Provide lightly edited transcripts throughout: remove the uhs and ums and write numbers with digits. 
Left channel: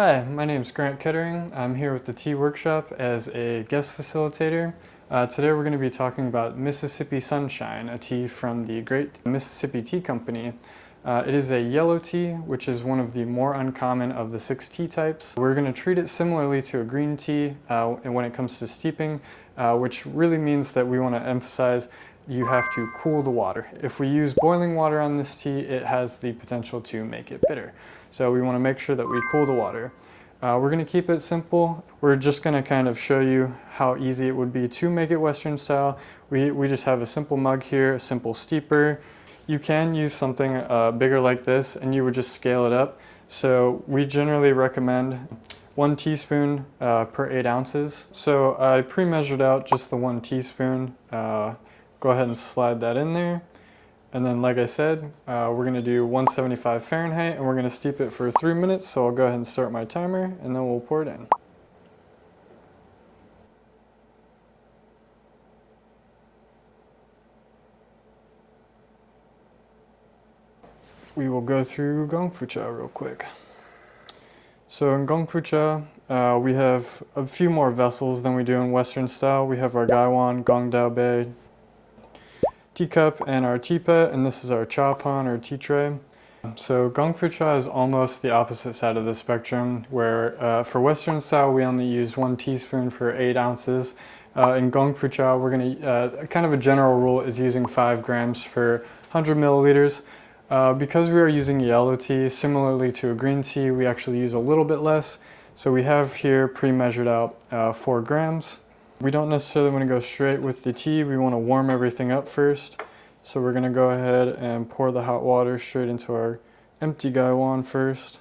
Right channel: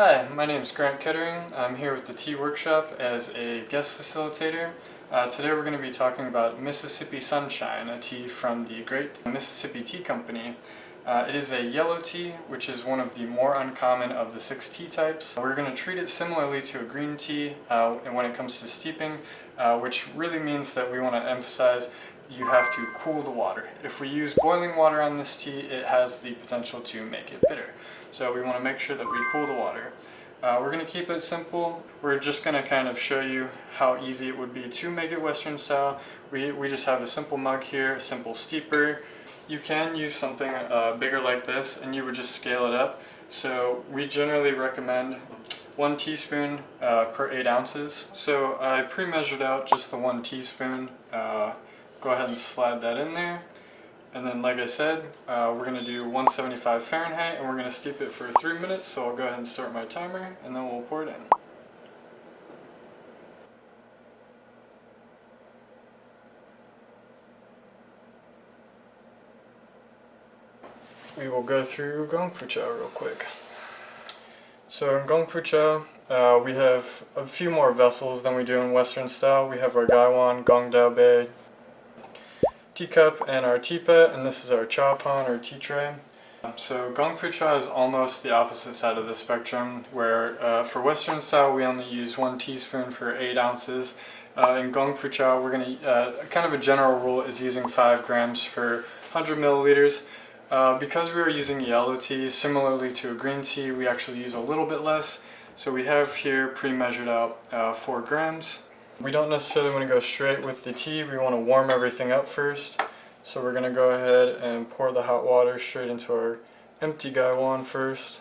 Hi, my name is Grant Kettering. I'm here with the Tea Workshop as a guest facilitator. Today we're going to be talking about Mississippi Sunshine, a tea from the Great Mississippi Tea Company. It is a yellow tea, which is one of the more uncommon of the 6 tea types. We're going to treat it similarly to a green tea when it comes to steeping, which really means that we want to emphasize you have to cool the water. If we use boiling water on this tea, it has the potential to make it bitter. So we want to make sure that we cool the water. We're going to keep it simple. We're just going to kind of show you how easy it would be to make it Western style. We just have a simple mug here, a simple steeper. You can use something bigger like this and you would just scale it up. So we generally recommend 1 teaspoon per 8 ounces. So I pre-measured out just the 1 teaspoon. Go ahead and slide that in there. And then, like I said, we're going to do 175 Fahrenheit and we're going to steep it for 3 minutes. So I'll go ahead and start my timer and then we'll pour it in. We will go through Gong Fu Cha real quick. So in Gong Fu Cha, we have a few more vessels than we do in Western style. We have our Gaiwan, Gong Dao Bei, teacup, and our teapot, and this is our cha pan or tea tray. So Gong Fu Cha is almost the opposite side of the spectrum, where for Western style we only use 1 teaspoon for 8 ounces. In Gong Fu Cha, we're going to, kind of a general rule is using 5 grams per 100 milliliters. Because we are using yellow tea, similarly to a green tea, we actually use a little bit less. So we have here pre-measured out 4 grams. We don't necessarily want to go straight with the tea. We want to warm everything up first. So we're going to go ahead and pour the hot water straight into our empty gaiwan first.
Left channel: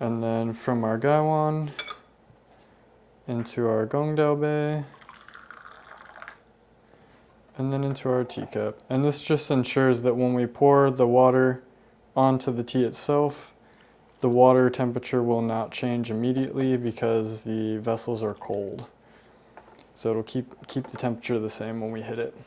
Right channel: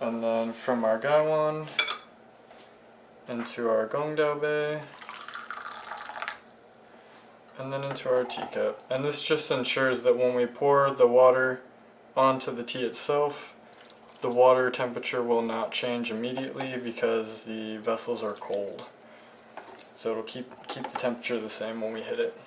And then from our gaiwan into our Gong Dao Bei. And then into our teacup. And this just ensures that when we pour the water onto the tea itself, the water temperature will not change immediately because the vessels are cold. So it'll keep the temperature the same when we hit it.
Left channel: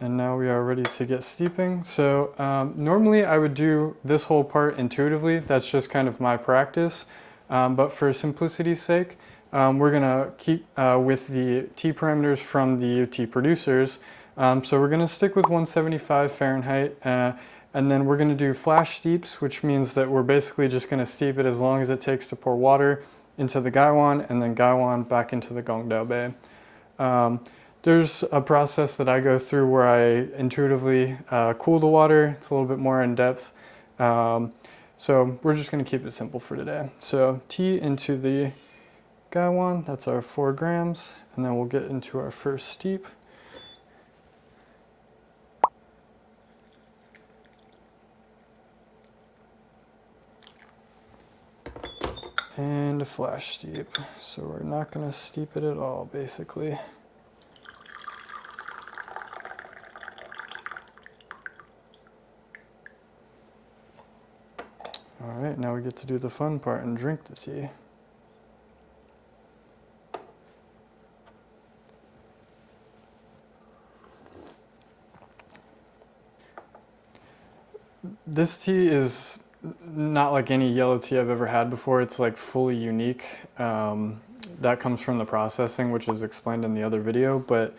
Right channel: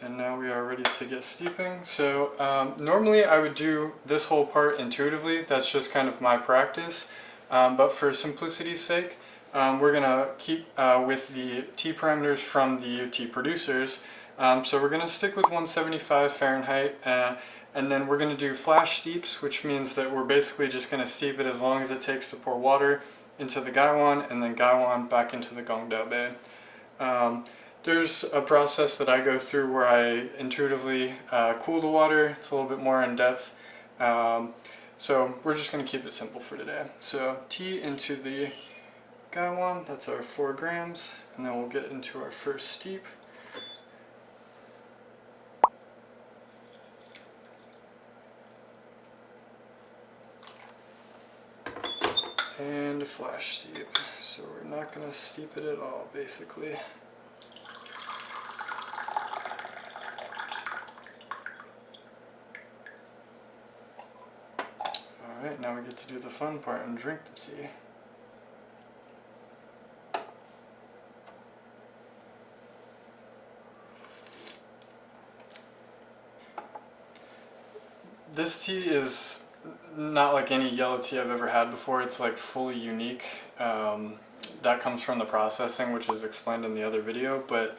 And now we are ready to get steeping. So normally I would do this whole part intuitively. That's just kind of my practice. But for simplicity's sake, we're going to keep with the tea parameters from the tea producers. So we're going to stick with 175 Fahrenheit. And then we're going to do flash steeps, which means that we're basically just going to steep it as long as it takes to pour water into the gaiwan and then gaiwan back into the Gong Dao Bei. There's a process that I go through where I intuitively cool the water. It's a little bit more in depth. So we're just going to keep it simple for today. So tea into the gaiwan, that's our 4 grams, and then we'll get into our first steep. And a flash steep. So we're not going to steep it at all, basically. Alright, now we get to do the fun part and drink the tea. This tea is not like any yellow tea I've ever had before. It's like fully unique. That comes from the processing, which is explained in the other video. But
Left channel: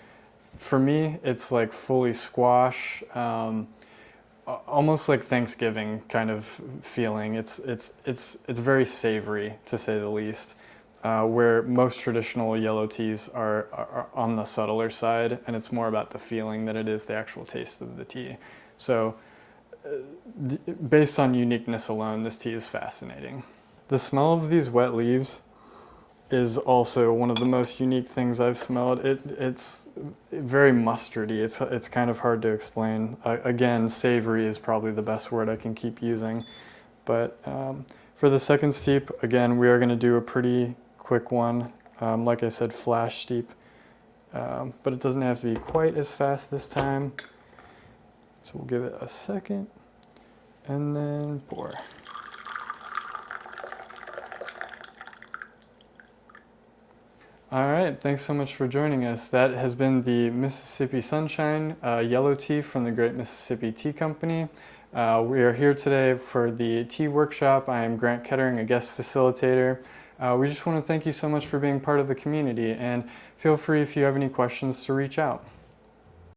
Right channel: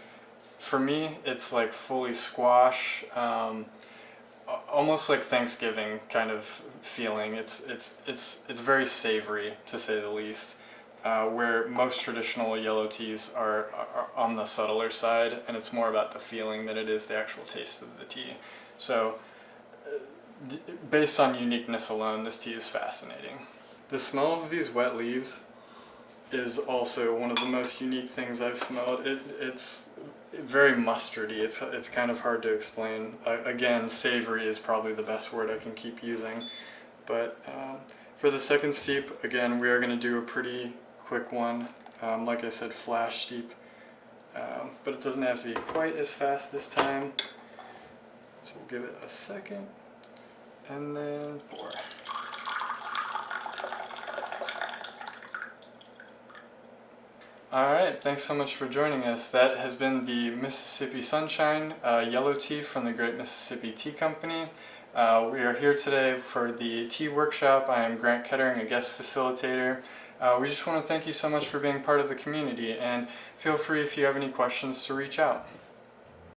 for me, it's like fully squash, almost like Thanksgiving kind of feeling. It's very savory, to say the least. Where most traditional yellow teas are on the subtler side, and it's more about the feeling than it is the actual taste of the tea. So based on uniqueness alone, this tea is fascinating. The smell of these wet leaves is also one of the most unique things I've smelled. It's very mustardy. It's kind of hard to explain. Again, savory is probably the best word I can keep using. But for the second steep, again, we are going to do a pretty quick one. Like I said, flash steep. But it doesn't have to be quite as fast this time. So we'll give it a second. And then pour. Alright, thanks so much for joining us. That has been the Mississippi Sunshine yellow tea from the Great Mississippi Tea Company. We are here today for the tea workshop. I am Grant Kettering, a guest facilitator. We just want to thank you so much for being part of the community, and feel free if you have any questions to reach out.